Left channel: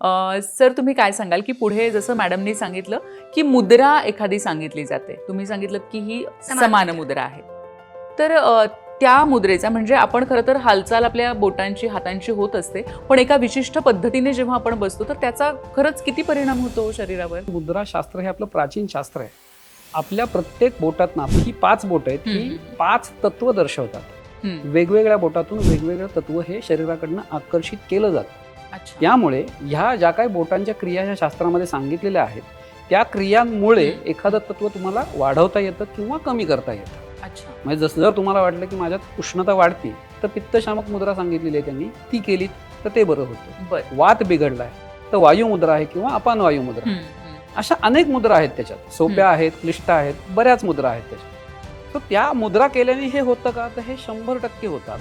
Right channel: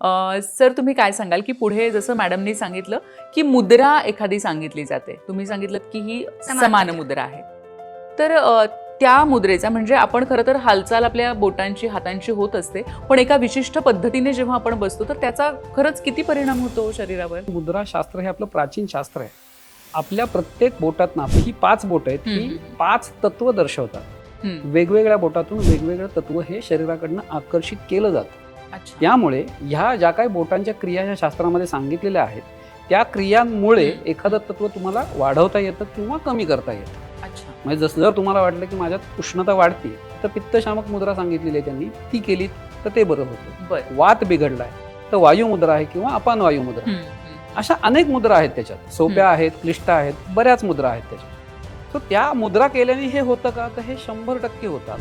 अ, sir तुम्ही काय सांगाल? की पुढे जसं मॅडमनी सांगितलं की मुद्रा एखादी सांगितली जाते. तुम्ही सांगितलं की ही समान. मुद्रा. आहे. तर त्या मुद्रेचा म्हणजे आपण खरं तर हालचाल आपल्या बोटांची हातांची होत असते. पण एका विशिष्ट पद्धतीने जेव्हा आपण बसतो तर त्याचा खरंच किती परिणाम होतो शरीरावर? मुद्रा शास्त्र हे आपलं प्राचीन शास्त्र आहे. आपल्या प्रत्येक बोटात ना आपली ही पाच बोट आहेत हम्म. पाच तत्व दर्शवतात. वेगवेगळ्या बोटातून वेगवेगळं तत्व हे शरीराकडनं आकर्षित केलं जातं. त्यामुळे ह्या ज्या काही बोटांच्या क्रिया या शास्त्रामध्ये सांगितलेल्या आहेत त्या क्रियांमुळे एखादं तत्व तुम्हाला वाढवता येतं किंवा कमी करता येतं. अच्छा. म्हणजे जसं जर तुम्हाला वाटलं की माझ्यात उष्णता वाढते तर पित्तशामक मुद्रा सांगितलेली आहे त्यांनी ती केली तर ते बरं होतं. वात बिघडलाय तर वायू मुद्रा आहे किंवा अपान वायू मुद्रा. अशा अनेक मुद्रा आहेत त्याच्यात. सोप्या आहेत क्लिष्ट आहेत बऱ्याच मुद्रा आहेत त्याच्यात. तर त्या मुद्रा केल्याने हे होतं का? तर हे शंभर टक्के होतात.